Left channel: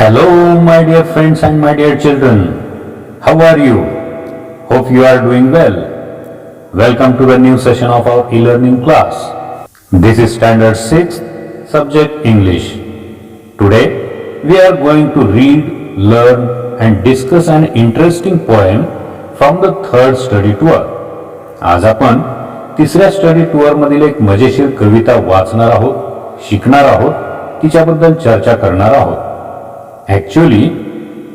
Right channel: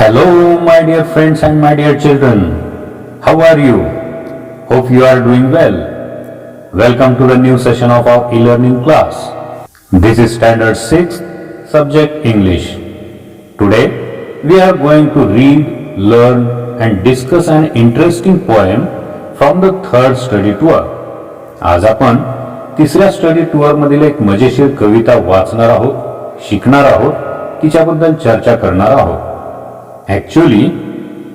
Hello, my dear friends and my dear children. How are you? Hope you are doing well. Welcome to the new session of our e-learning class. This is Standard 6, Subject English. Today, we are going to read, learn and discuss an interesting poem from the third study tour. आज आपण तिसऱ्या study tour मधील एक मजेशीर कविता वाचणार आहोत, शिकणार आहोत, तिच्याबद्दल चर्चा करणार आहोत. Actually,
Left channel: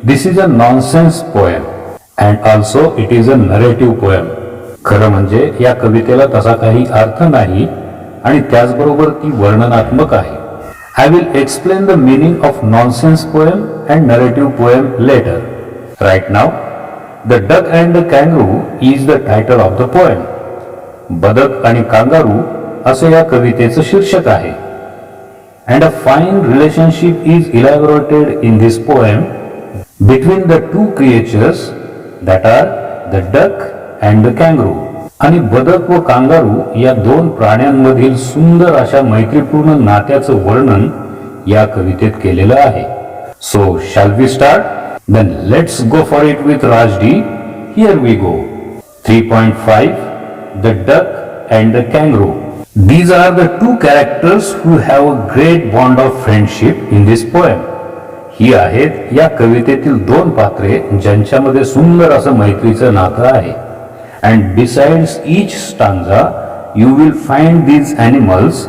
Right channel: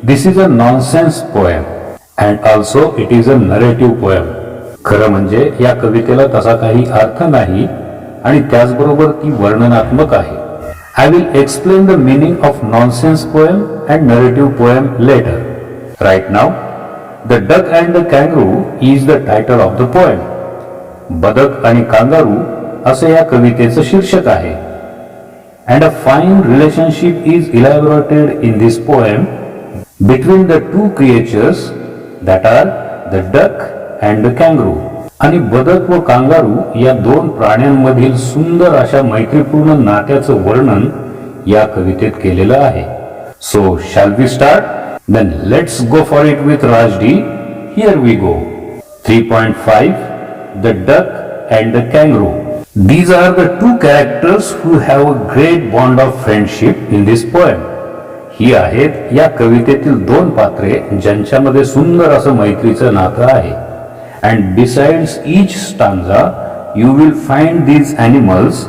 this is a nonsense poem and also it is a narrative poem. खरं म्हणजे या कवितेला तसा काही अर्थ नाही आणि त्याचबरोबर ती वर्णनात्मक आहे. I will explain the meaning of nonsense poem and narrative poem later. Right now, The Duck and the Kangaroo is the title of the poem. बदक आणि कांगारू असे या कवितेचं शीर्षक आहे. And a fine relationship is elaborated in this poem between the two creatures that are the duck and the kangaroo. आणि बदक व kangaroo या दोन प्राण्यांमधील सुंदर अशा मैत्रीपूर्ण नात्याचं वर्णन या कवितेत केलेलं आहे. So shall we start? Then let's go for it with Rajdi. Here we go. 3.5 The Duck and the Kangaroo. These are the two characters who have a great bond of friendship in this poem. ही आहेत या कवितेतील दोन पात्रे ज्यांच्यामध्ये सुंदर असं मैत्रीचं नातं आहे. And besides each stanza, you will find these animals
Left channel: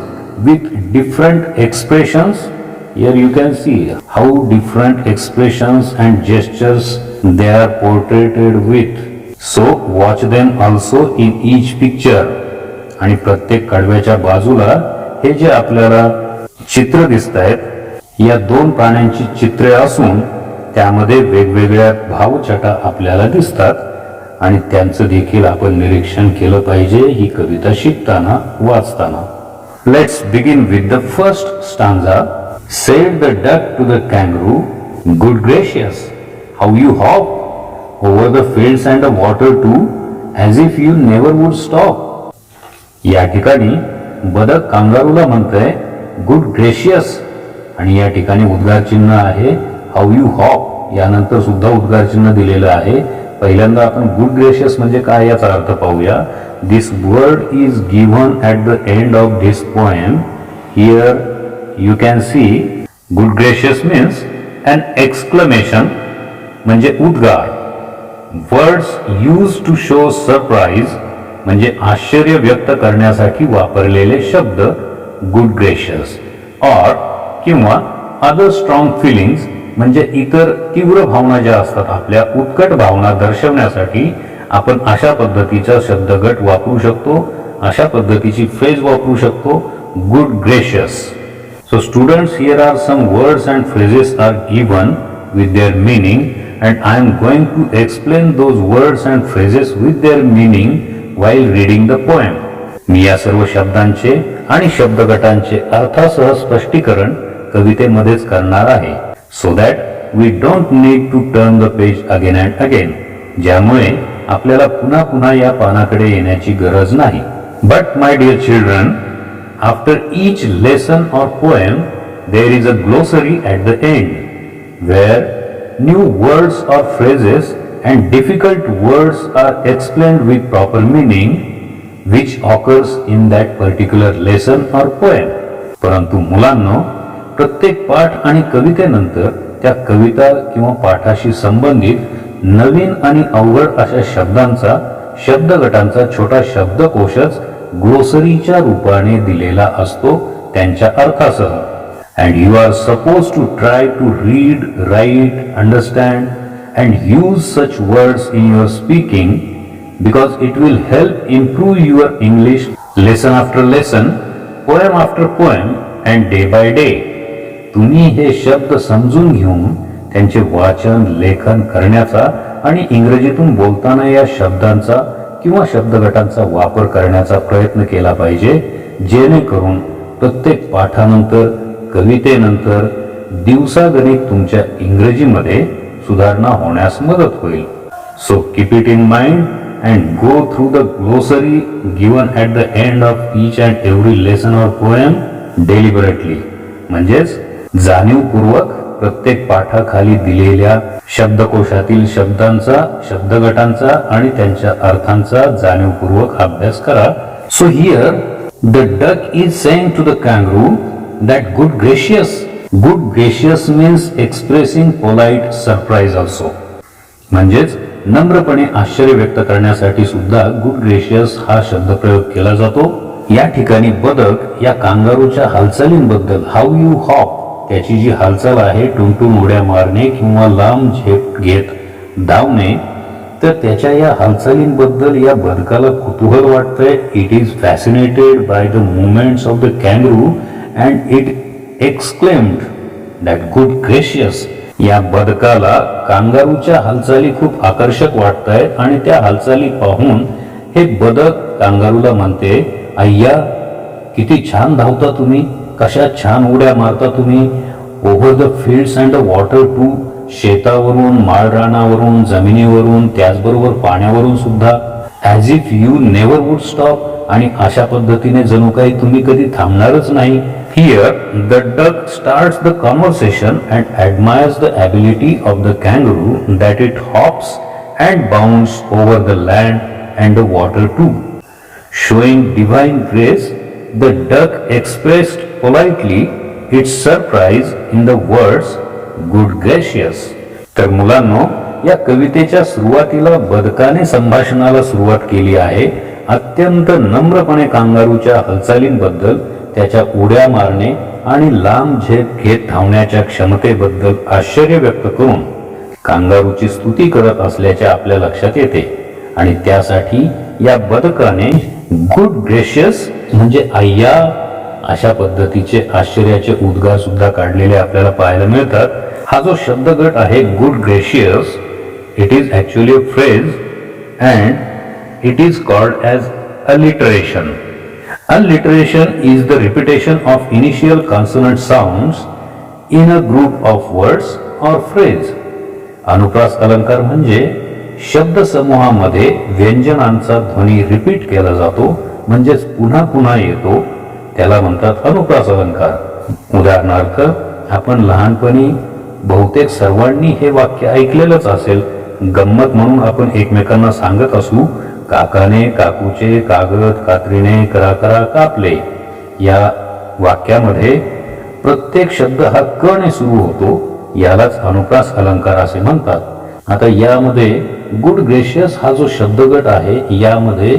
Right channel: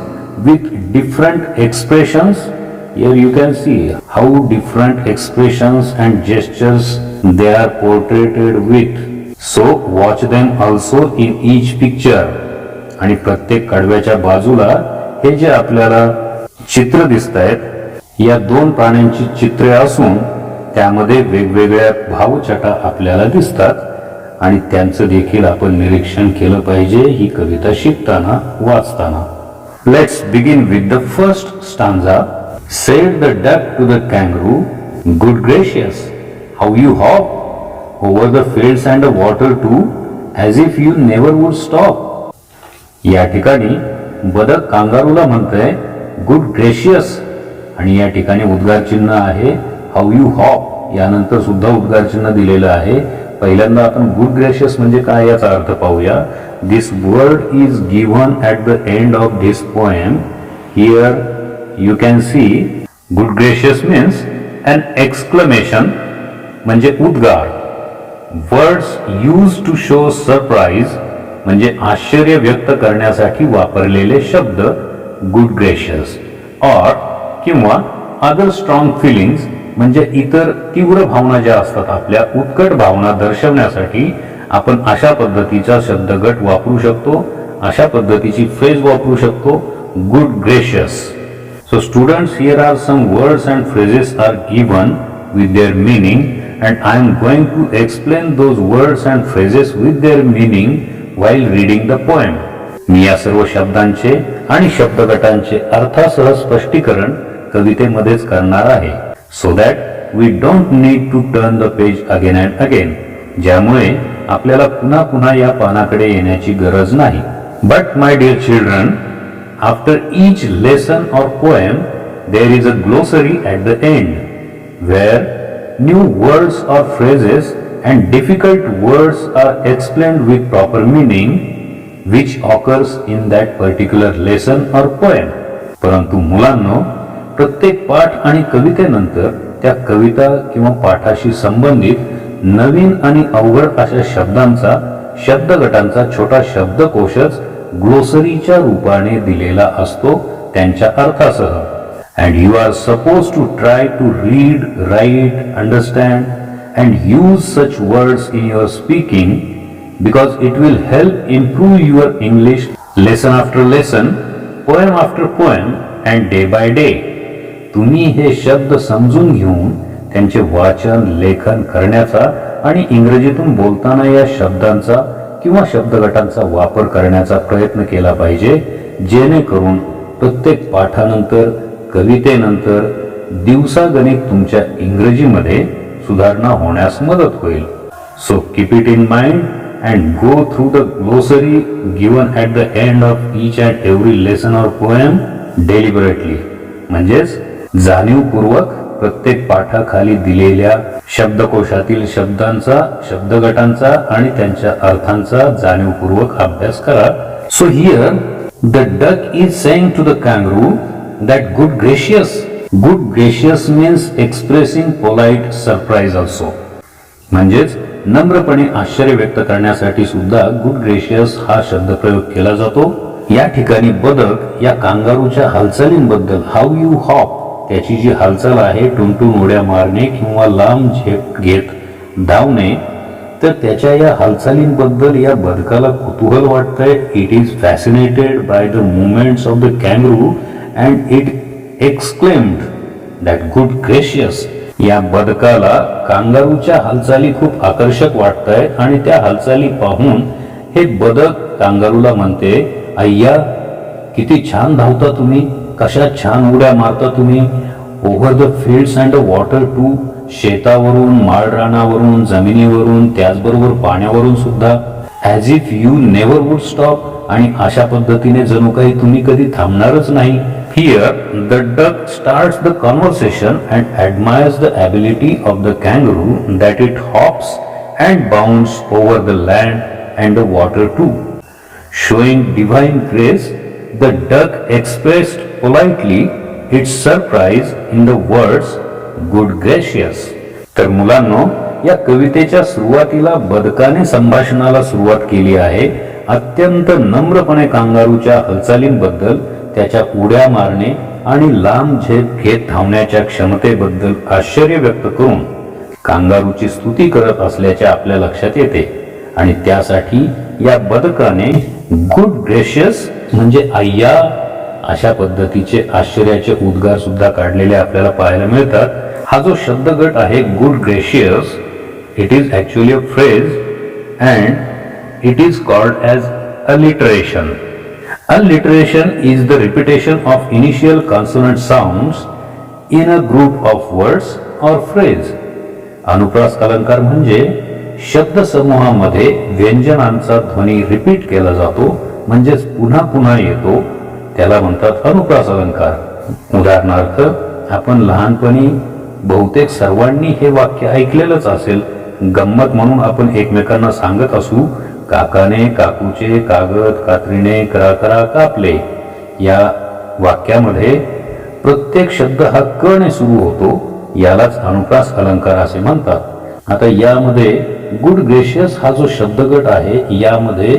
with different expressions. Here you can see how different expressions and gestures they are portrayed with. So watch them also in each picture. आणि प्रत्येक कडव्याच्या बाजूला हे जे आपल्याला चित्र दिसत आहेत या दोन प्राण्यांची चित्रे असून त्यामध्ये वेगवेगळ्या भावछटा आपल्याला दिसतात आणि त्यांचं देखील आपण निरीक्षण केलं पाहिजे ही कविता शिकताना वाचताना. Let's begin with the first stanza. Said the duck to the kangaroo, good gracious how you hop over the fields and the water too as if you never would stop. या ठिकाणी बदक कांगारूला म्हणतंय गुड ग्रेशियस आणि या ठिकाणी उद्गार चिन्ह आहे हाऊ यू हॉप. यानंतर सुद्धा उद्गार चिन्ह दिलेलं आहे. पहिल्यांदा आपण गुड ग्रेशियस म्हणजे काय याचा अर्थ पाहूया. This word is given at the end of this poem. Here you can see good gracious means an exclamation म्हणजे उद्गार. Words use to show surprise म्हणजे आश्चर्य व्यक्त करण्यासाठी वापरलेले शब्द गुड ग्रेशियस. ऑर किंवा अदर स्ट्रॉंग फिलिंग्स म्हणजे इतर तीव्र भावना ज्या असतात आपल्या उत्कट भावना दर्शवण्यासाठी आपण अशा पद्धतीचा शब्दगट वापरू शकतो, अशा पद्धतीची फ्रेज वापरू शकतो good gracious. So students, here are some words and phrases are given with their meaning and I am going to explain those words and phrases with their meaning while reading the poem. मी या सर्व शब्दांचे आणि शब्दगटांचे अर्थासह स्पष्टीकरण कवितेमध्येच करणार आहे. So that we don't need to turn the page again and again. ज्यामुळे आपल्याला पुन्हा पुन्हा या पानाकडे येण्याची गरज नाही. But my dear children, after each lesson or poem there is a glossary at the end where new words or phrases and difficult words are explained with proper meaning which occurs in that particular lesson or poem. परंतु मुलांनो, प्रत्येक पाठ आणि कवितेनंतर त्या कविता किंवा पाठाशी संबंधित नवीन आणि अवघड अशा शब्दांचा शब्दगटांचा छोटा शब्दकोशच ग्लोसरीच्या रूपाने दिलेला असतो त्यांच्या अर्थासह. And you are supposed to try to read, write, understand and use such words in your speaking because it will help improve your English lesson after lesson, poem after poem and day by day. तुम्ही हे शब्द समजून घेऊन त्यांचे वाचन, लेखन करण्याचा आणि इंग्रजीतून बोलताना या शब्दांचा किंवा शब्दगटांचा वापर करण्याचा प्रयत्न केला पाहिजे जेणेकरून प्रत्येक पाठानंतर कवितेनंतर दिवसागणिक तुमच्या इंग्रजीमध्ये सुधारणा होण्यास मदत होईल. So keep it in mind and go through the glossary given at the end of each and every lesson or poem deliberately. म्हणजेच जाणीवपूर्वक प्रत्येक पाठाखाली दिलेल्या शब्दकोशातील शब्दांचा, शब्दगटांचा आणि त्यांच्या अर्थांचा जाणीवपूर्वक अभ्यास करा. So here the duck is saying to the kangaroo that good gracious means expressing polite surprise also. म्हणजेच नम्रपणे आश्चर्य व्यक्त करण्यासाठी सुद्धा गुड ग्रेशियस हा शब्दप्रयोग केला जातो. या ठिकाणी बदक या कांगारूच्या हालचालींबद्दल, हाऊ यू हॉप, त्याची जी हालचाल आहे टुनटुन उड्या मारणे किंवा लांब झेप घेत धावणे, तर त्याच्या या हालचालींबद्दल या बदकाला कुतूहल वाटतंय. It is fascinated by the movements of the kangaroo and it exclaimed that good gracious. या बदकाला कांगारूच्या हालचाली खूप आकर्षक वाटतायत आणि त्या हालचाली पाहून हे बदक कांगारूला म्हणते, अय्या किती छान धावता तुम्ही, कशा छान उड्या मारता तुम्ही. Over the fields and the water too, शेतावरून, माळरानावरून, जमिनीवरून, त्याचबरोबर पाण्यावरून सुद्धा. As if you never would stop, आणि अशा पद्धतीने जणू काही तुम्ही कधी थांबणारच नाही. Here the duck starts the conversation and admires the ability of the kangaroo that it hops and bounds over the land and the water too. Showing divine grace, the duck expressed politely its surprise in the words good gracious. तर मुलांनो, या कवितेच्या सुरुवातीला बदकाने संभाषणाला सुरुवात केली आहे. अत्यंत नम्रपणे कांगारूच्या हालचालींबद्दल, त्याच्या उड्या मारणे आणि लांब झेप घेत धावण्याच्या क्षमतेबद्दल आश्चर्य व्यक्त करून कांगारूची स्तुती करत असल्याचे आपल्या लक्षात येते. आणि त्यासाठी या बदकाने गुड ग्रेशियस म्हणजे अय्या अशा पद्धतीचे आश्चर्याचे उद्गार सुद्धा काढलेले आपल्याला पाहायला मिळतात. हा जो शब्दगट आहे good gracious, it is actually a phrase and it is called as alliteration. Alliteration is the repetition of initial consonant sounds in a group of words or phrase. अनुप्रास अलंकार म्हणजे शब्द समूहामध्ये व्यंजनांचा ध्वनी रिपीट केला जातो, म्हणजेच पुन्हा पुन्हा येतो, त्याला म्हणतात अनुप्रास अलंकार. उदाहरणार्थ, आपण लहानपणी बहुतेक सर्वांनी हे वाक्य ऐकलेलंच असेल. गंमत म्हणून आपण एकमेकांना सांगत असू, काकाने काकूचे कागद कात्रीने करा करा कापले. या वाक्यामध्ये प्रत्येक शब्द हा क ने सुरू होतो, यालाच अनुप्रास अलंकार असे म्हणतात. आता यामध्ये गुड ग्रेशियस हा जो शब्दगट आहे, यामध्ये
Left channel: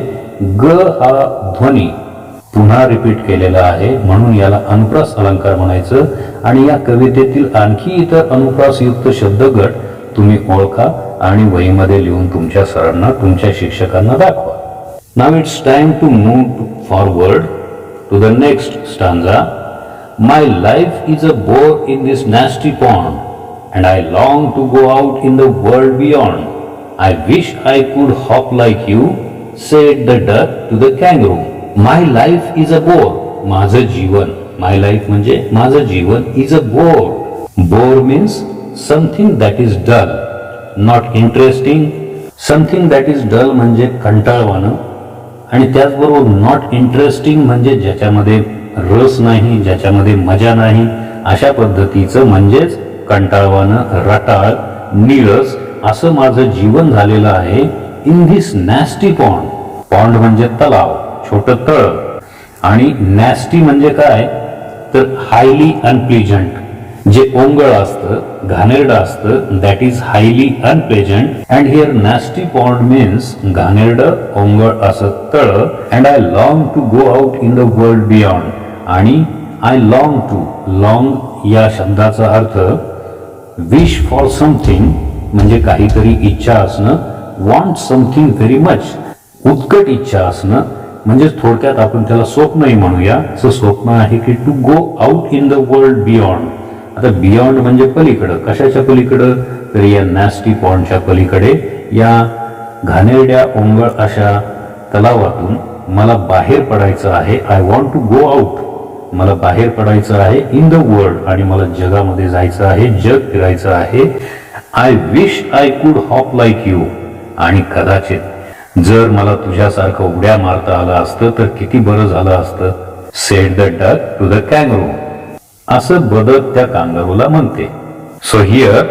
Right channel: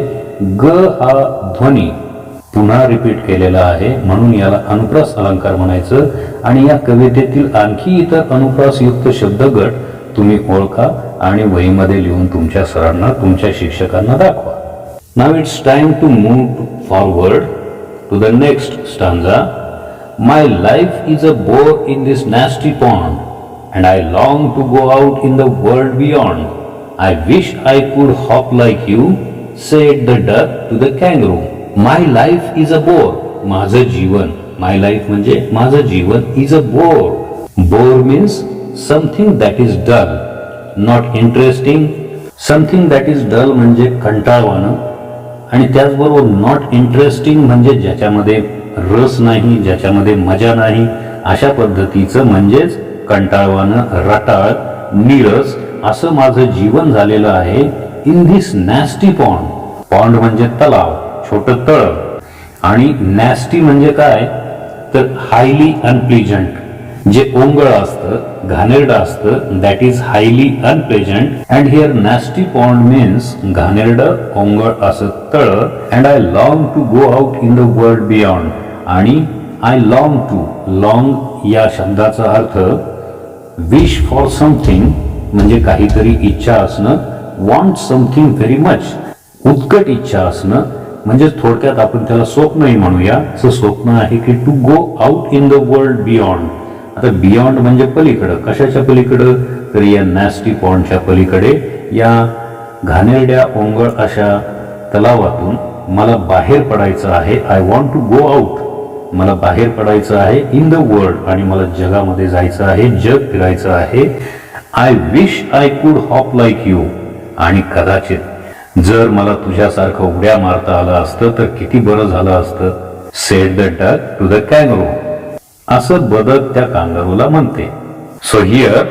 ग हा ध्वनी पुन्हा रिपीट केलेला आहे, म्हणून याला अनुप्रास अलंकार म्हणायचं. आणि या कवितेतील आणखी इतर अनुप्रासयुक्त शब्दगट तुम्ही ओळखा आणि वहीमध्ये लिहून तुमच्या सरांना, तुमच्या शिक्षकांना दाखवा. Now it's time to move forward to the next stanza. My life is a bore in this nasty pond and I long to go out in the world beyond. I wish I could hop like you, said the duck to the kangaroo. My life is a bore, माझं जीवन. My life म्हणजे माझं जीवन. Is a bore. Bore means something that is dull, not interesting. Something that is dull म्हणजे कंटाळवाणं, आणि त्याचबरोबर not interesting म्हणजे ज्याच्यामध्ये रस नाही, ज्याच्यामध्ये मजा नाही, अशा पद्धतीचं, म्हणजेच कंटाळवाणं, रटाळ, नीरस असं माझं जीवन झालेलं आहे. In this nasty pond. Pond म्हणजे तलाव, छोटं तळ, आणि नॅस्टी म्हणजे काय, तर हायली अनप्लेजंट, जे ओंगळ असतं, घाणेरडं असतं, that is highly unpleasant. And here nasty pond means घाणेरडं, ओंगळ असं तळ. And I long to go out in the world beyond. आणि आय लॉंग टू, लॉंग या शब्दाचा अर्थ विश फॉर समथिंग म्हणजे काहीतरी इच्छा असणं. वॉन्ट समथिंग व्हेरी मच, उत्कट इच्छा असणं, म्हणजे थोडक्यात आपण त्याला स्वप्नही म्हणूया. स्वप्न आहे की to go out in the world beyond. आता बियॉन्ड म्हणजे पलीकडं, कशाच्या पलीकडं, तर या नॅस्टी पॉन्डच्या पलीकडे, या घाणेरड्या ओंगळ अशा तलावातून मला बाहेर पडायचं आहे. I want to go out, मला बाहेर पडायचं आहे. इन द वर्ल्ड, आणि मला जगामध्ये जायचं आहे, जग फिरायचं आहे. I wish I could hop like you, आणि कदाचित जर मला तुझ्यासारखं उड्या मारता आलं असतं तर किती बरं झालं असतं. Said the duck to the kangaroo. असं बदक त्या कांगारूला म्हणते. So here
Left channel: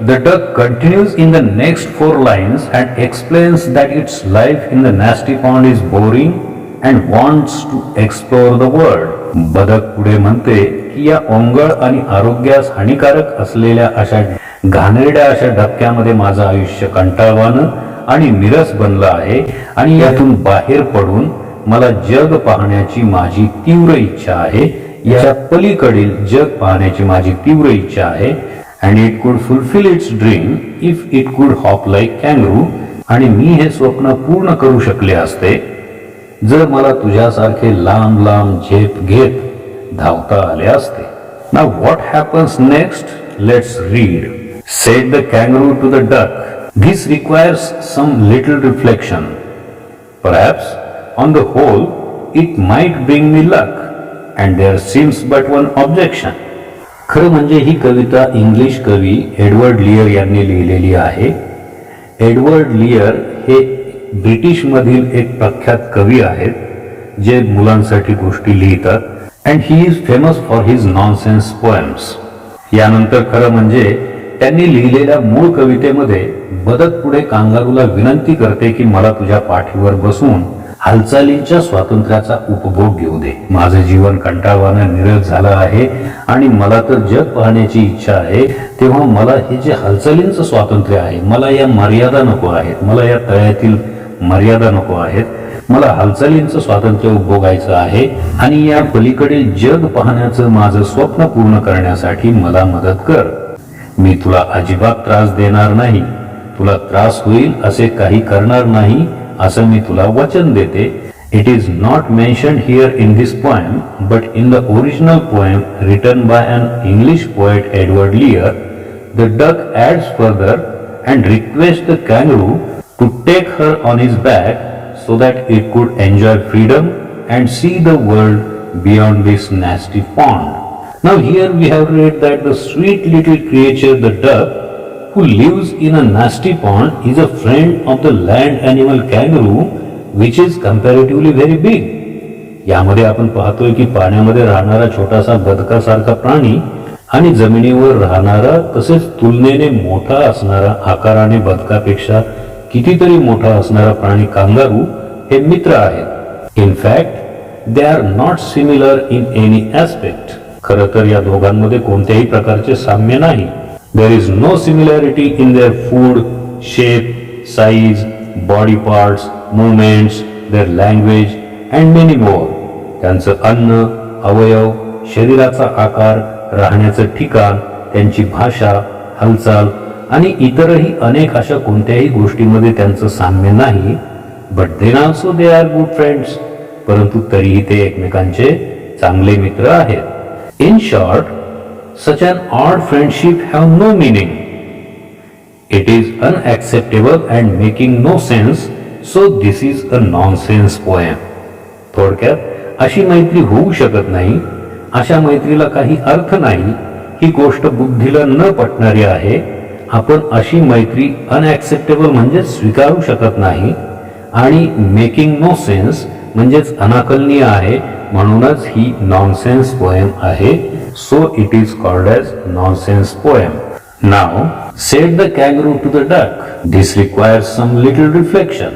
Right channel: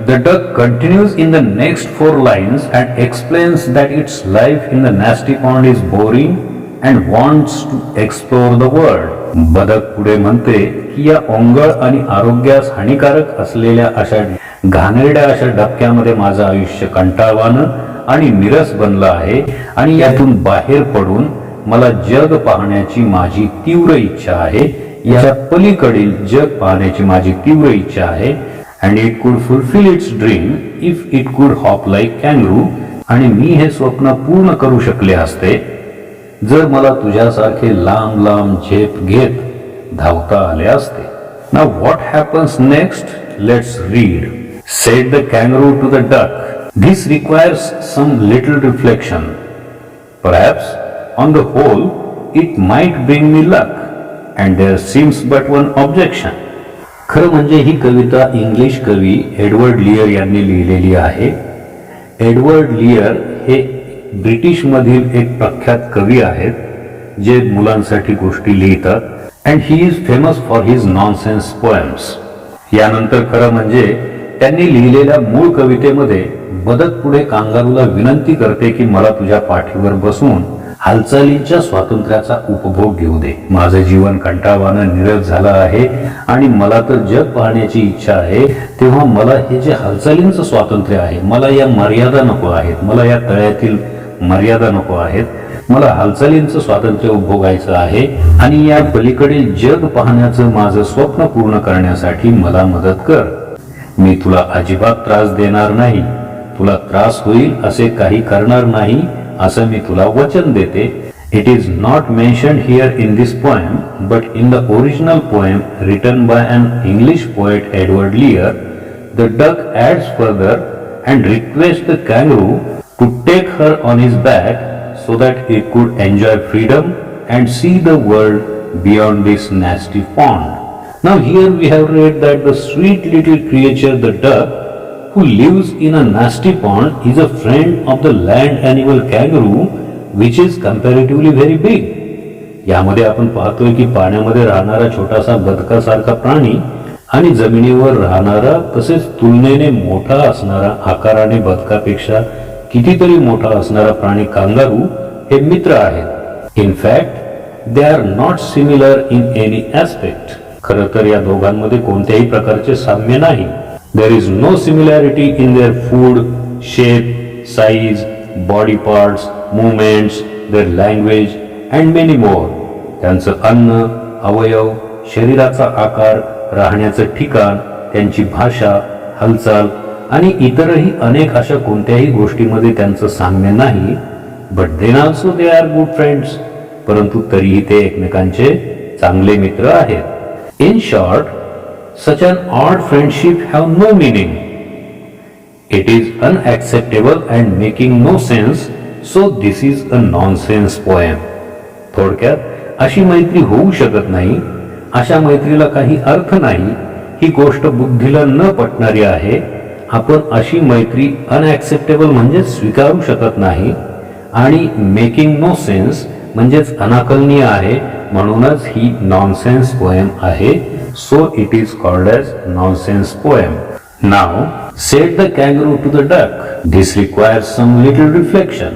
the duck continues in the next 4 lines and explains that its life in the nasty pond is boring and wants to explore the world. बदक पुढे म्हणते की या ओंगळ आणि आरोग्यास हानिकारक असलेल्या अशा घाणेरड्या अशा डबक्यामध्ये माझं आयुष्य कंटाळवाणं आणि निरस बनलं आहे आणि यातून बाहेर पडून मला जग पाहण्याची माझी तीव्र इच्छा आहे. याच्या पलीकडील जग पाहण्याची माझी तीव्र इच्छा आहे. and it could fulfill its dream if it could hop like kangaroo. आणि मी हे स्वप्न पूर्ण करू शकले असते जर मला तुझ्यासारखे लांब लांब झेप घेत धावता आले असते. Now what happens next? Let's read. Said the kangaroo to the duck, this requires some little reflection. Perhaps on the whole it might bring me luck and there seems but one objection. खरं म्हणजे ही कविता English कवी Edward लियर यांनी लिहिलेली आहे. Edward लियर हे ब्रिटिशमधील एक प्रख्यात कवी आहेत जे मुलांसाठी गोष्टी लिहितात and he is famous for his nonsense poems. यानंतर खरं म्हणजे त्यांनी लिहिलेल्या मूळ कवितेमध्ये बदक पुढे कांगारूला विनंती करते की मला तुझ्या पाठीवर बसून हालचालींच्या स्वातंत्र्याचा उपभोग घेऊ दे. माझं जीवन कंटाळवाणं निरस झालं आहे आणि मला तर जग पाहण्याची इच्छा आहे. तेव्हा मला हे जे हालचालींचं स्वातंत्र्य आहे मला या मर्यादा नको आहेत. मला या तळ्यातील मर्यादा नको आहेत. मला हालचालींचं स्वातंत्र्य उपभोगायचं आहे आणि या पलीकडील जग पाहण्याचं माझं स्वप्न पूर्ण करण्यासाठी मला मदत कर. मी तुला अजिबात त्रास देणार नाही. तुला त्रास होईल असे काही करणार नाही असं मी तुला वचन देते. It is not mentioned here in this poem but in the original poem written by an English poet Edward Lear the duck adds further and request the kangaroo to take her on his back so that it could enjoy freedom and see the world beyond this nasty pond. Now here we have read that the sweet little creature, the duck, who lives in a nasty pond is a friend of the land animal kangaroo, which is comparatively very big. यामध्ये आपण पाहतोय की पाण्यामध्ये राहणारा छोटासा बदकासारखा प्राणी आणि जमिनीवर राहणारा तसेच तुलनेने मोठा असणारा आकाराने बदकापेक्षा कितीतरी मोठा असणारा प्राणी कांगारू हे मित्र आहेत. In fact they are not similar in any aspect. खरं तर या दोघांमध्ये कोणत्याही प्रकारचे साम्य नाही. There is no similarity in their food, shape, size, body parts, movements, their language and many more. त्यांचं अन्न, अवयव, शरीराचा आकार, राहण्याचं ठिकाण, त्यांची भाषा, हालचाल आणि इतरही अनेक अशा कोणत्याही गोष्टीमध्ये त्यांचं साम्य नाही. But then also they are good friends. परंतु तरीही ते एकमेकांचे चांगले मित्र आहेत. In short, such an odd friendship have no meaning. It is unacceptable and making no sense, so this is a nonsense poem. थोडक्यात अशी मैत्री होऊ शकत नाही, अशा मैत्रीला काही अर्थ नाही, ही गोष्ट बुद्धीला न पटणारी आहे. आपण अशी मैत्री अनएक्सेप्टेबल म्हणजेच स्वीकारू शकत नाही आणि मेकिंग नो सेन्स म्हणजेच अनाकलनीय आहे. म्हणूनच ही नॉनसेन्स पोएम आहे. So it is called as nonsense poem. Now said the kangaroo to the duck, this requires some little reflection.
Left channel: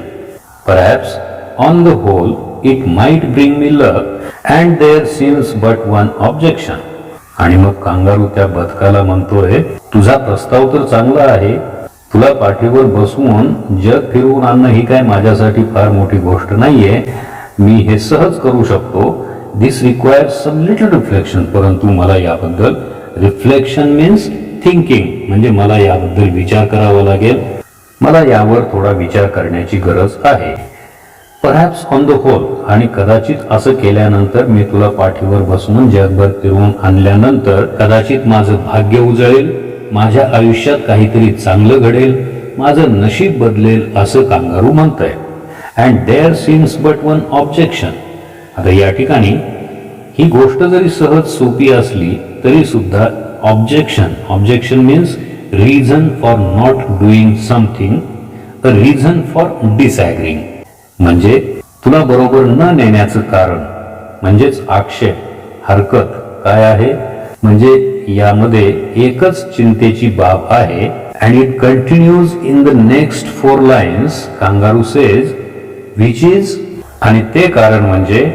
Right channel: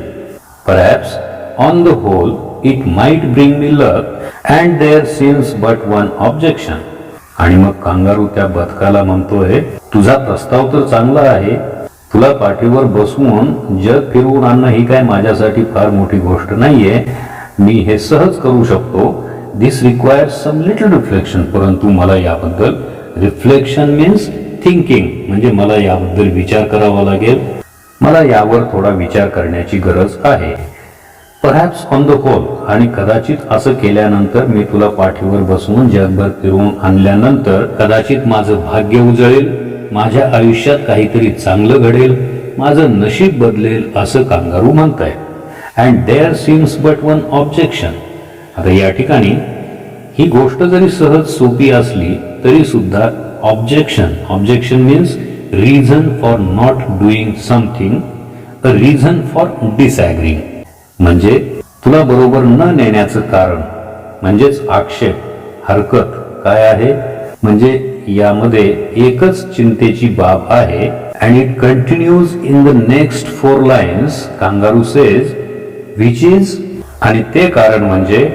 Perhaps on the whole it might bring me luck and there seems but one objection. आणि मग kangaroo त्या बदकाला म्हणतोय, तुझा प्रस्ताव तर चांगला आहे. तुला पाठीवर बसवून जग फिरवून आणणं ही काय माझ्यासाठी फार मोठी गोष्ट नाहीये. मी हे सहज करू शकतो. दिस रिक्वायर्स सम लिटल रिफ्लेक्शन. परंतु मला याबद्दल रिफ्लेक्शन मीन्स थिंकिंग म्हणजे मला याबद्दल विचार करावा लागेल. मला यावर थोडा विचार करण्याची गरज आहे. परहॅप्स ऑन द होल आणि कदाचित असं केल्यानंतर मी तुला पाठीवर बसवून जगभर फिरवून आणल्यानंतर कदाचित माझं भाग्य उजळेल, माझ्या आयुष्यात काहीतरी चांगलं घडेल, माझं नशीब बदलेल असं कांगारू म्हणतंय. And there seems but one objection. आता या ठिकाणी ही गोष्ट जरी सहज सोपी असली तरी सुद्धा objection means reason for not doing something, a reason for disagreeing. म्हणजे तुला बरोबर न नेण्याचं कारण म्हणजेच आक्षेप, हरकत काय आहे म्हणजे यामध्ये एकच चिंतेची बाब आहे. And it continues in the next 4 lines. Kangaroo says which is, आणि ते कारण म्हणजे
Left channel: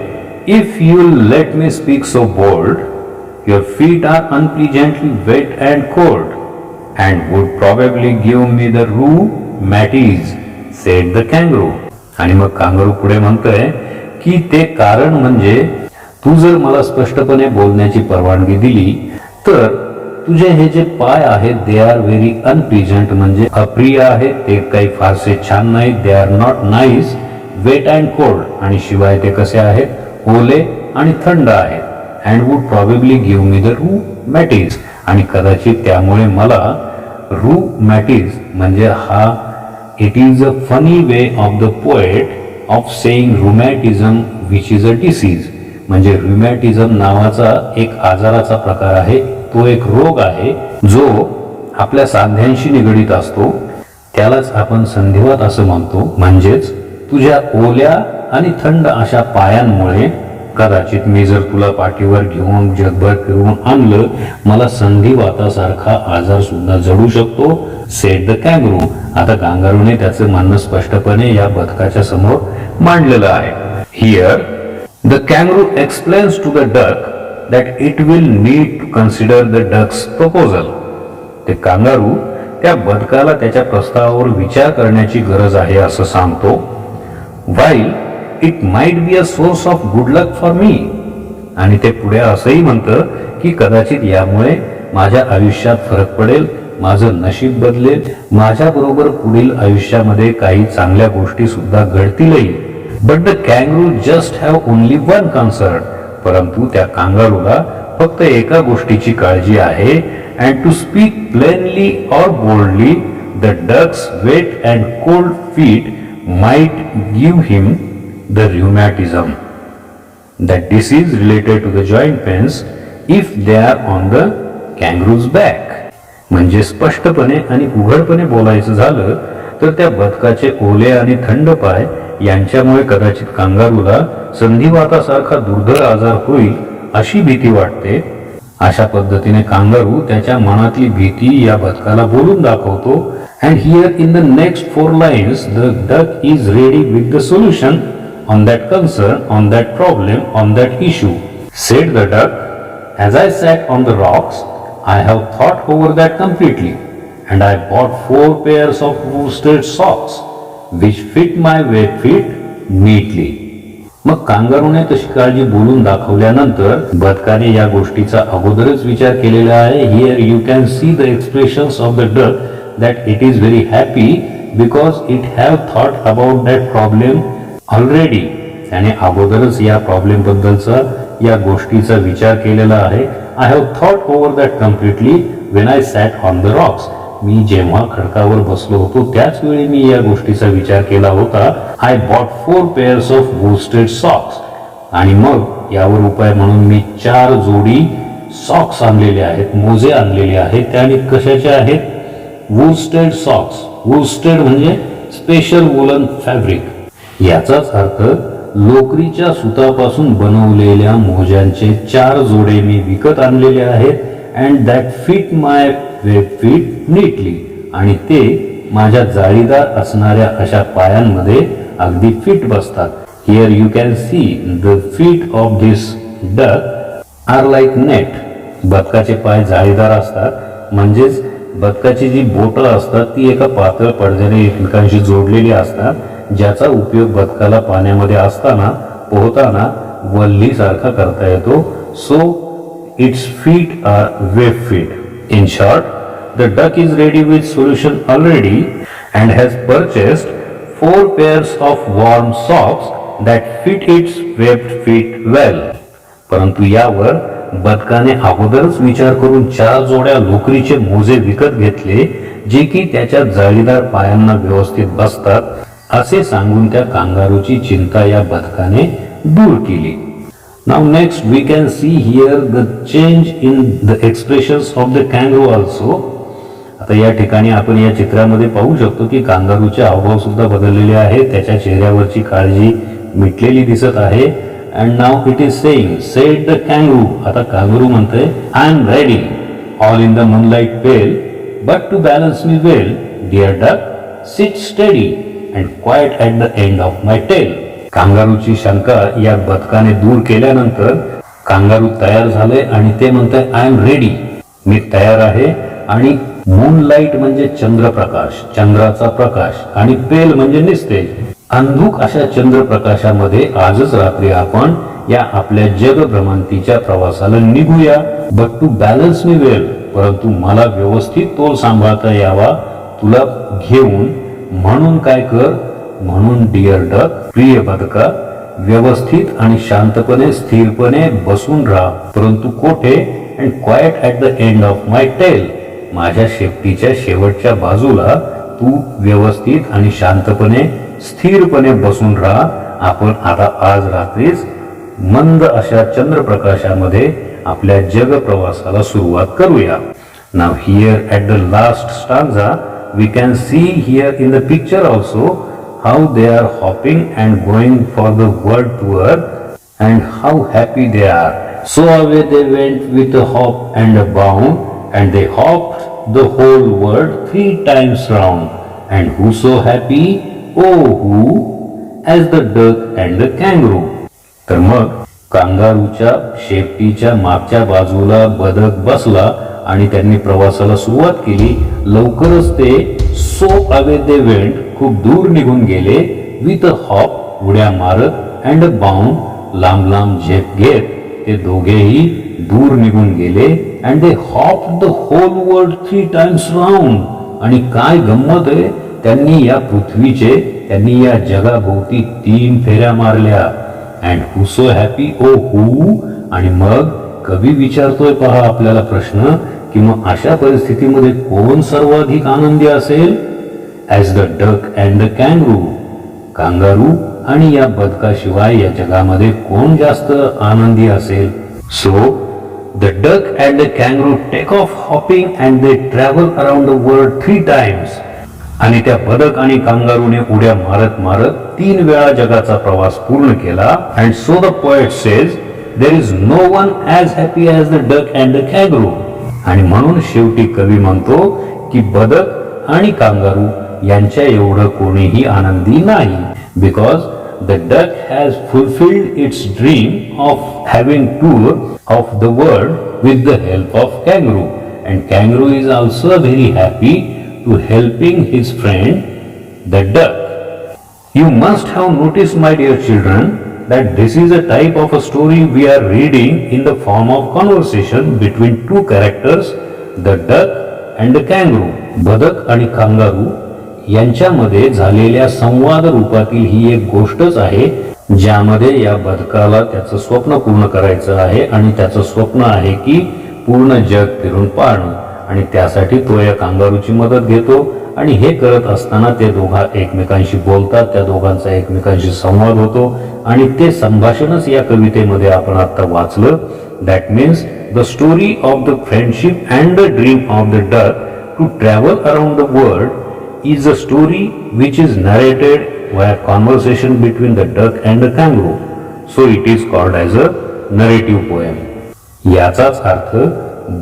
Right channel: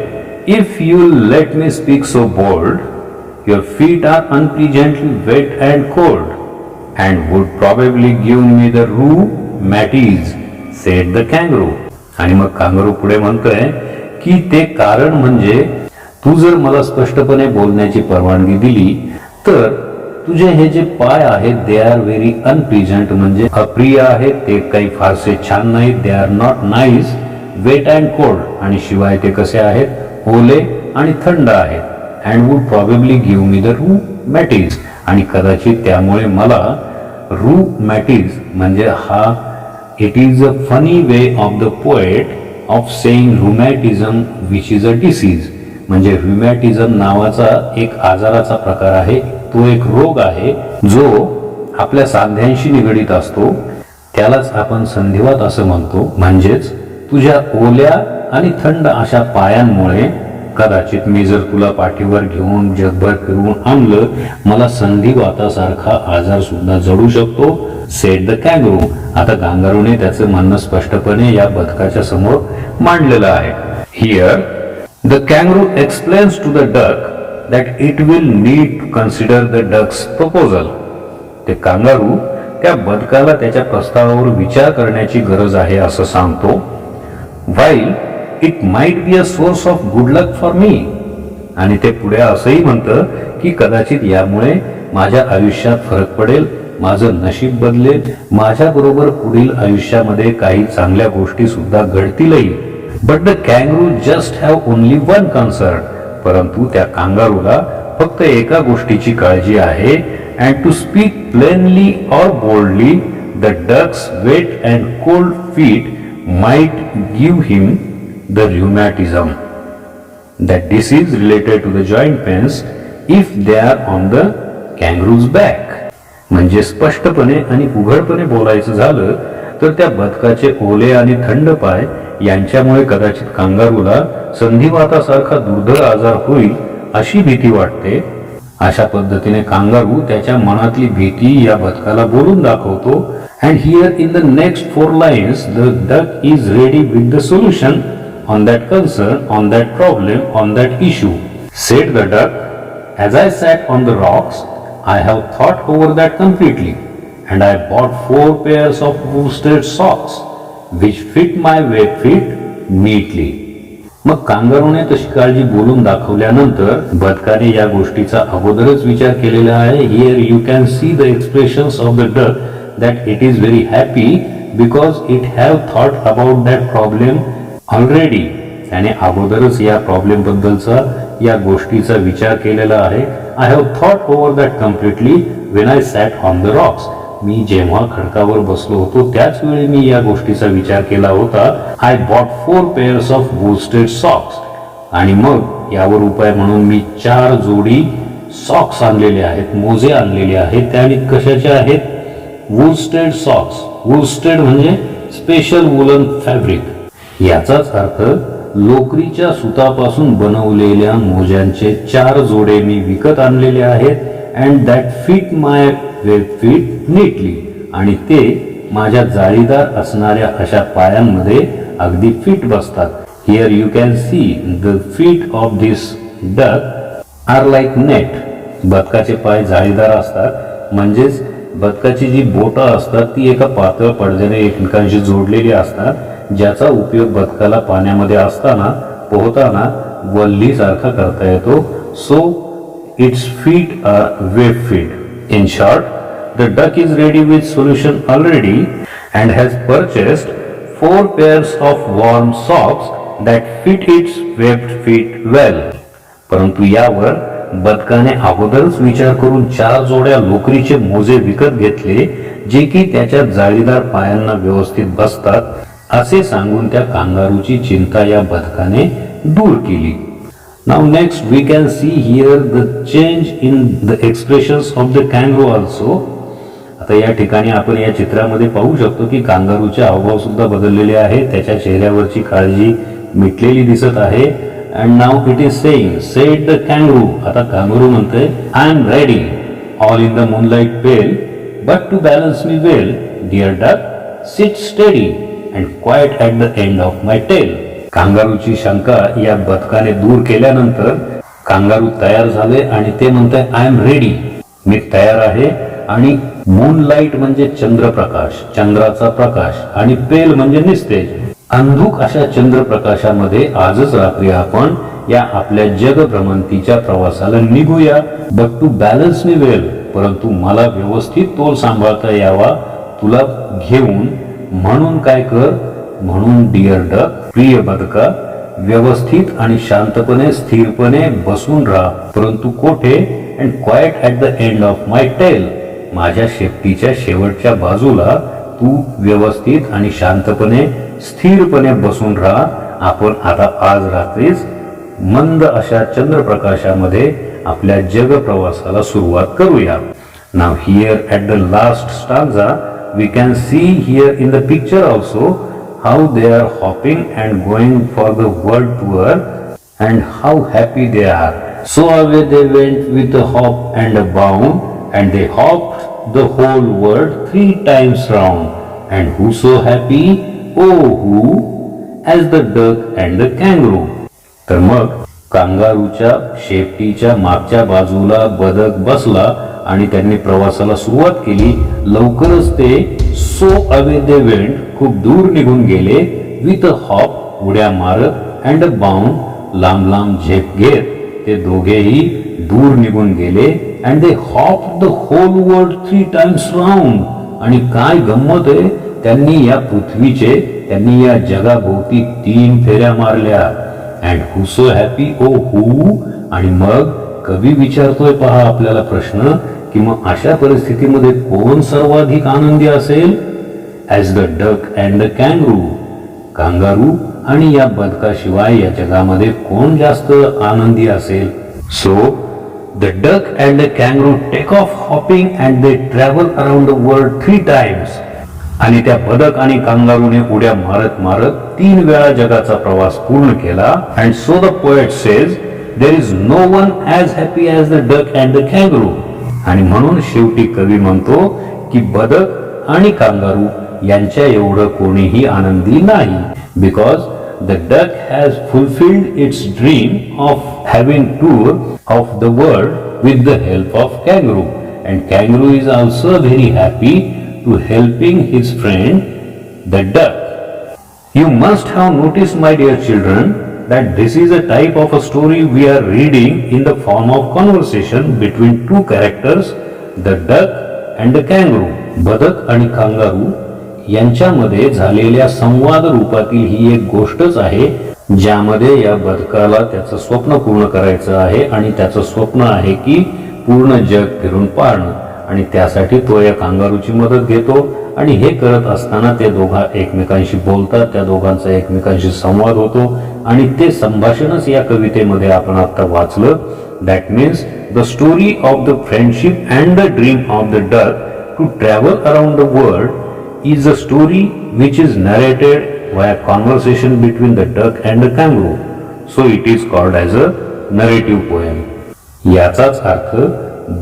if you let me speak so bold, your feet are unpleasantly wet and cold and would probably give me the rheumatiz, said the kangaroo. आणि मग kangaroo पुढे म्हणतोय की ते कारण म्हणजे तू जर मला स्पष्टपणे बोलण्याची परवानगी दिली तर तुझे हे जे पाय आहेत दे आर व्हेरी अनप्लीजंट, म्हणजे अप्रिय आहेत, ते काही फारसे छान नाहीत. They are not nice, wet and cold, आणि शिवाय ते कसे आहेत, ओले आणि थंड आहेत. And would probably give me the rheumatiz, आणि कदाचित त्यामुळे मला rheumatiz म्हणजे हा it is a funny way of the poet of saying rheumatism which is a disease, म्हणजे rheumatism नावाचा एक आजाराचा प्रकार आहे. तो एक रोग आहे जो आपल्या सांध्यांशी निगडीत असतो, त्यालाच आपण संधिवात असं म्हणतो. म्हणजेच तुझ्या ओल्या आणि थंड अशा पायांमुळे कदाचित मी जर तुला पाठीवर घेऊन जगभर फिरवून आणलं, मला संधिवातासारखा आजार सुद्धा जडू शकतो, सेड द कॅंगरू. आता कांगारूने त्याचं म्हणणं स्पष्टपणे या बदकाच्या समोर मांडलेलं आहे. Here the kangaroo explains to the duck that it will need to consider the duck's proposal. ते कांगारू त्या बदकाला त्याच्या प्रस्तावावर विचार करण्याची गरज आहे असं सांगतो. While it might be a source of good luck for me, आणि ते पुढे असंही म्हणतं की कदाचित यामुळे माझ्या आयुष्यात फरक पडेल, माझं नशीब बदलेल, माझ्याबरोबर पुढील आयुष्यामध्ये काही चांगल्या गोष्टी सुद्धा घडतीलही. But the kangaroo just have only one concern, परंतु त्या कांगारूला फक्त एका गोष्टीची काळजी आहे. And to speak plainly or boldly the duck's wet and cold feet might give him the rheumatism, that disease related to the joint pains if they are on the kangaroo's back. म्हणजे स्पष्टपणे आणि उघडपणे बोलायचं झालं तर त्या बदकाचे ओले आणि थंड पाय यांच्यामुळे कदाचित कांगारूला संधिवातासारखा दुर्धर आजार होईल अशी भीती वाटते. अशा पद्धतीने कांगारू त्याच्या मनातली भीती या बदकाला बोलून दाखवतो. and here in the next 4 lines the duck is ready with the solution on that concern, on that problem, on that issue. Said the duck, as I sat on the rocks, I have thought over that completely, and I bought 4 pairs of worsted socks, which fit my wet feet neatly. मग कांगारूने तशी काळजी बोलून दाखवल्यानंतर बदकाने या गोष्टीचा अगोदरच विचार केलेला आहे. Here you can see the expressions of the duck that it is very happy because it have thought about that problem already. त्याने अगोदरच या प्रॉब्लेम बद्दलचा या गोष्टीचा विचार केलेला आहे. I have thought over that completely when I sat on the rocks. मी जेव्हा खडकावर बसलो होतो त्याच वेळी मी या गोष्टीचा विचार केला होता. I bought 4 pairs of worsted socks, आणि मग यावर उपाय म्हणून मी 4 जोडी सॉक्स आणलेले आहेत, मोजे आणलेले आहेत. त्या कशाचे आहेत, वुस्टेड सॉक्स. वुस्टेड म्हणजे स्पेशल वुलन फॅब्रिक. याचाच अर्थ लोकरीच्या सुतापासून बनवलेल्या मोज्यांचे 4 जोडे मी विकत आणलेले आहेत. And that fit my web feet neatly, आणि ते माझ्या जाळीदार असणाऱ्या अशा पायांमध्ये अगदी फिट बसतात. Here you can see the feet of this duck are like net. बदकाचे पाय जाळीदार असतात, म्हणजेच बदकाची जी बोटं असतात ती एका पातळ पडद्याने एकमेकांशी जोडलेली असतात, ज्याचा उपयोग बदकाला पाण्यामध्ये असताना पोहताना वल्लीसारखा करता येतो. So its feet are web feet. In short, the duck is ready with solution already and has purchased 4 pairs of warm socks that fit its webbed feet well. परंतु यावर बदकाने अगोदरच विचार करून 4 जोड्या लोकरीचे मोजे विकत घेतले, जे की त्याच्या जाळीदार पायांना व्यवस्थित बसतात, असे सांगून त्या कांगारूची चिंता या बदकाने दूर केली. Now next we can see here the change in the expressions of the kangaroo also. आता या ठिकाणी आपण या चित्रामध्ये पाहू शकतो की कांगारूचे हावभाव सुद्धा बदललेले आहे. त्याच्या चेहऱ्यावरची काळजी मिटलेली दिसत आहे. And now it is saying, said the kangaroo. आता कांगारू म्हणतोय, I am ready. all in the moonlight pale, but to balance me well, dear duck, sit steady and quiet at the end of my tail. कांगारूची शंका या बदकाने दूर केल्यानंतर kangaroo तयार झाले आणि ते म्हणते आय एम रेडी, मी तयार आहे. आणि मूनलाईट म्हणजे चंद्रप्रकाश, चंद्राचा प्रकाश, आणि पेल म्हणजे निस्तेज, अंधुक अशा चंद्रप्रकाशामध्ये आजच रात्री आपण या आपल्या जगभ्रमंतीच्या प्रवासाला निघूया. But to balance me well, परंतु मला व्यवस्थित तोल सांभाळता यावा तुला घेऊन, म्हणून काय कर, म्हणून डिअर डक, प्रिय बदका, व्यवस्थित आणि शांतपणे स्थिरपणे बसून राहा, परंतु कोठे, and quite at the end of my tail, माझ्या शेपटीच्या शेवटच्या बाजूला तू व्यवस्थित आणि शांतपणे स्थिरपणे बसून राहा. आपण आता आज रात्रीच मंद अशा चंद्रप्रकाशामध्ये आपल्या जग प्रवासाला सुरुवात करूया. Now here at the last stanza we can see here in the picture also how they are hopping and going for the world tour and how happy they are. So away they went with a hop and a bound, and they hopped the whole world 3 times round. And who so happy? Oh, who? As the duck and the kangaroo. तर मग कांगारूच्या शेपटीच्या मागच्या बाजूला बदक बसला आणि त्यांनी प्रवासाला सुरुवात केली. लवकरच ते सो अवे दे वेंट, खूप दूर निघून गेले, विथ अ हॉप, उड्या मारत, अँड अ बाउंड, लांब लांब झेप घेत ते दोघेही दूर निघून गेले. And they hop the whole world 3 times round. आणि काय गंमत आहे, त्यांनी या पृथ्वीचे, त्यांनी या जगाभोवती 3 फेऱ्या मारल्या. अँड हू सो हॅपी, ओ हू. आणि मग कवी विचारतोय पहा आपल्याला प्रश्न, की मग अशा परिस्थितीमध्ये कोण सर्वाधिक आनंदी असेल? As the duck and the kangaroo, kangaroo आणि या बदकाशिवाय या जगामध्ये कोण जास्त आनंदी असेल? So the duck and the kangaroo take off hopping and they travel around the world 3 times. आणि त्या बदक आणि कांगारूने उड्या मारत मारत 3 वेळा जगाचा प्रवास पूर्ण केला. And so the poet says there is no one as happy as the duck and the kangaroo. आणि म्हणून शेवटी कवी म्हणतो की बदक आणि कांगारू यांच्या एवढं कोणीही आनंदी नाही. Because the duck has fulfilled its dream of having tour of the world with the help of kangaroo. And kangaroo is also very happy to helping his friend the duck. You must have noticed, my dear children, that this is a type of a story we are reading in the form of conversation between 2 characters, the duck and the kangaroo. बदक आणि kangaroo यांच्यामध्ये झालेल्या संवाद रूपातील ही एक गोष्टच आहे, ज्यामध्ये या बदकाला त्याचं स्वप्न पूर्ण करायचं आहे आणि त्याचं स्वप्न आहे की पूर्ण जग फिरून पाहणं, आणि त्यासाठी तो या कांगारूची मदत घेतो. आणि हे करत असताना ते दोघा एकमेकांशी बोलतात, त्या दोघांचा एकमेकांशी संवाद होतो, आणि ते संभाषणच या कवितेमध्ये आपण आता वाचलं. That means the story of the friendship and the dream of the duck to travel around the world is a story which is narrated via conversation between the duck and the kangaroo. So it is called as a narrative poem. याचाच अर्थ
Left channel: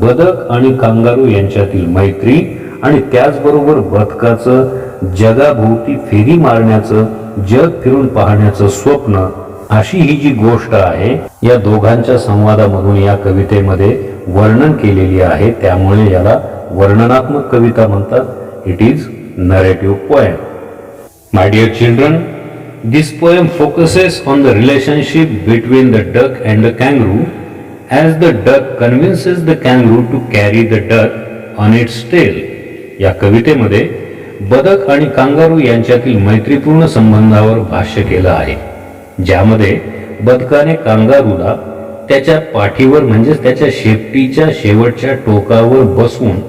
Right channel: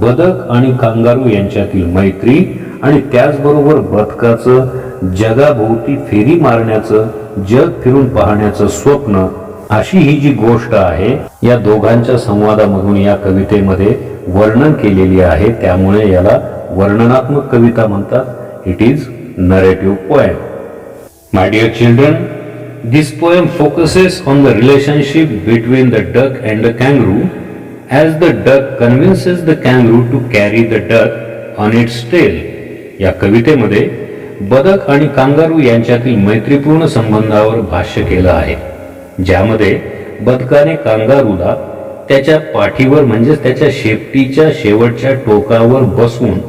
बदक आणि kangaroo यांच्यातील मैत्री आणि त्याचबरोबर बदकाचं जगाभोवती फेरी मारण्याचं, जग फिरून पाहण्याचं स्वप्न, अशी ही जी गोष्ट आहे या दोघांच्या संवादामधून या कवितेमध्ये वर्णन केलेली आहे. त्यामुळे याला वर्णनात्मक कविता म्हणतात. It is narrative poem. My dear children, this poem focuses on the relationship between the duck and the kangaroo as the duck convinces the kangaroo to carry the duck on its tail. या कवितेमध्ये बदक आणि kangaroo यांच्यातील मैत्रीपूर्ण संबंधावर भाष्य केलं आहे, ज्यामध्ये बदकाने कांगारूला त्याच्या पाठीवर म्हणजेच त्याच्या शेपटीच्या शेवटच्या टोकावर बसवून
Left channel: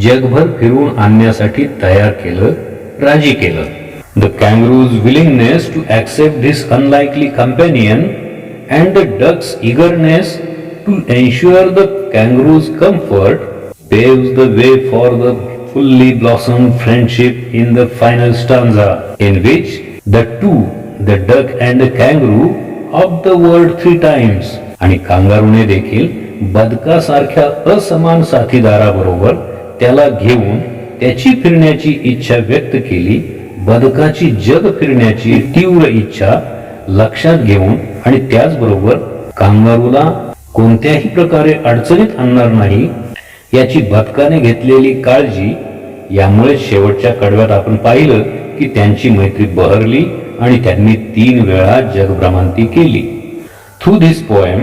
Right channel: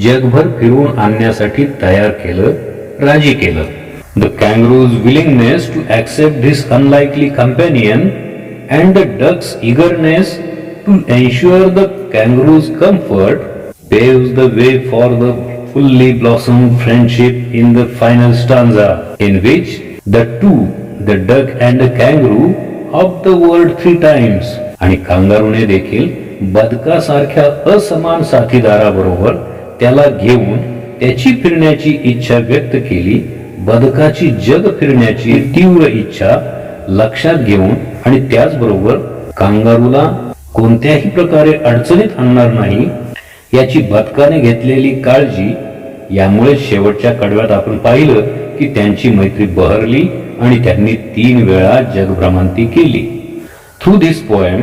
जगभर फिरून आणण्यासाठी तयार केलं, राजी केलं. The kangaroo's willingness to accept this unlikely companion and the duck's eagerness to ensure the kangaroo's comfort paves the way for the fully blossomed friendship in the final stanza, in which the two, the duck and the kangaroo, hopped the world 3 times. आणि कांगारूने देखील बदकासारख्या असमान साथीदाराबरोबर त्याला घेऊन त्याची फिरण्याची इच्छा व्यक्त केली. बदकाची जग फिरण्याची तीव्र इच्छा लक्षात घेऊन आणि त्याचबरोबर कांगारूला कोणत्याही प्रकारे अडचणीत आणणार नाही याची बदकाने घेतलेली काळजी, यामुळे शेवटच्या कडव्यात आपण पाहिलं की त्यांची मैत्री बहरली आणि त्यांनी 3 वेळा जगभ्रमंती केली. Through this poem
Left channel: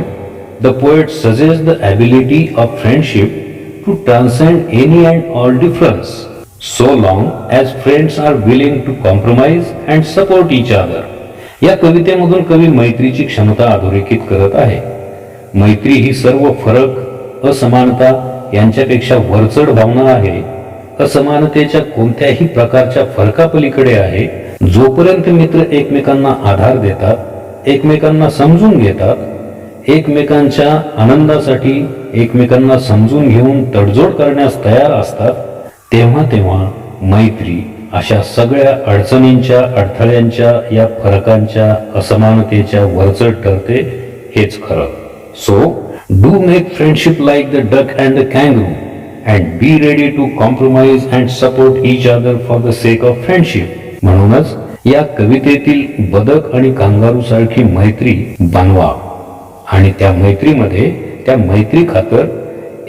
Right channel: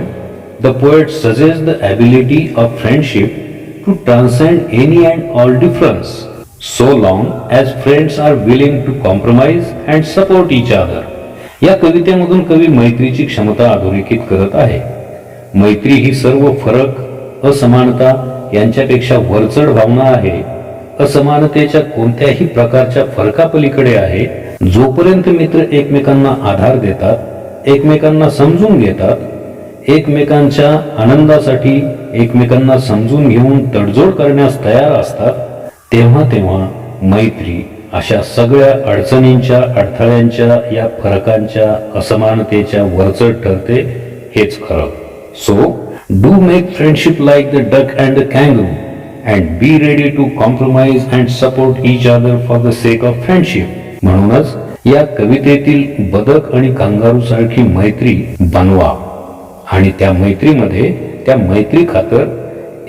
the poet suggest the ability of friendship to transcend any and all difference so long as friends are willing to compromise and support each other. या कवितेमधून कवी मैत्रीची क्षमता अधोरेखित करत आहे. मैत्री ही सर्व फरक, असमानता यांच्यापेक्षा वरचढ भावना आहे. असमानतेच्या कोणत्याही प्रकारच्या फरकापलीकडे आहे. जोपर्यंत मित्र एकमेकांना आधार देतात, एकमेकांना समजून घेतात, एकमेकांच्या आनंदासाठी एकमेकांना समजून घेऊन तडजोड करण्यास तयार असतात, तेव्हा मैत्री अशा सगळ्या अडचणींच्या, अडथळ्यांच्या, या फरकांच्या, असमानतेच्या वरचढ ठरते. हेच खरं. So do make friendship like the duck and the kangaroo and be ready to compromise and support each other for the sake of friendship. म्हणूनच या कवितेतील बदक आणि कांगारू सारखी मैत्री बनवा आणि त्या मैत्रीमध्ये, त्या मैत्री खातर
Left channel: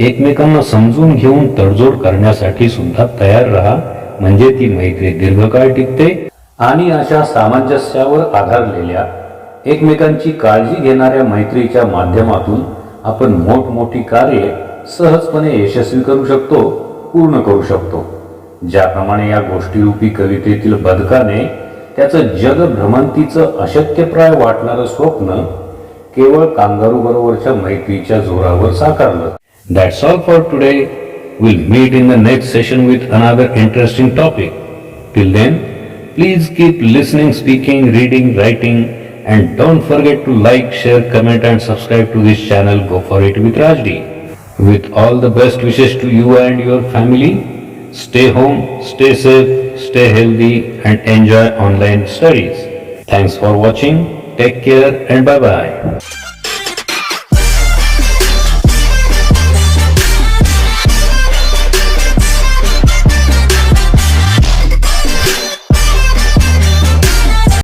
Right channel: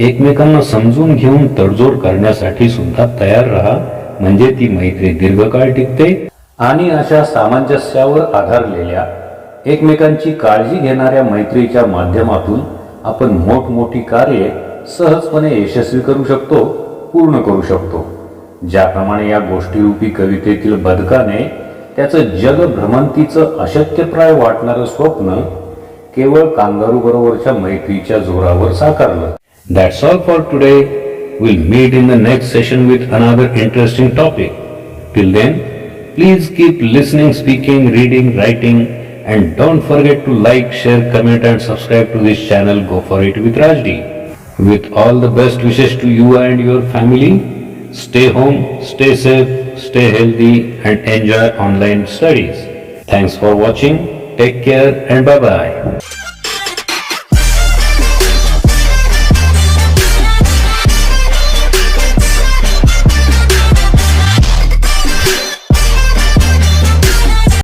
एकमेकांना समजून घेऊन तडजोड करण्यासाठी सुद्धा तयार राहा. म्हणजे ती मैत्री दीर्घकाळ टिकते. आणि अशा सामंजस्यावर आधारलेल्या, एकमेकांची काळजी घेणाऱ्या मैत्रीच्या माध्यमातून आपण मोठमोठी कार्ये सहजपणे यशस्वी करू शकतो, पूर्ण करू शकतो. ज्याप्रमाणे या गोष्टीरूपी कवितेतील बदकाने त्याचं जगभ्रमंतीचं अशक्यप्राय वाटणारं स्वप्न केवळ कांगारू बरोबरच्या मैत्रीच्या जोरावर साकारलं. That's all for today. We'll meet in the next session with another interesting topic. Till then, please keep listening, speaking, reading, writing, and don't forget to like, share, comment and subscribe to this channel. Go for it with Rajdi. With all the best wishes to you and your family. Stay home, stay safe, stay healthy and enjoy online studies. Thanks for watching. Take care and bye-bye.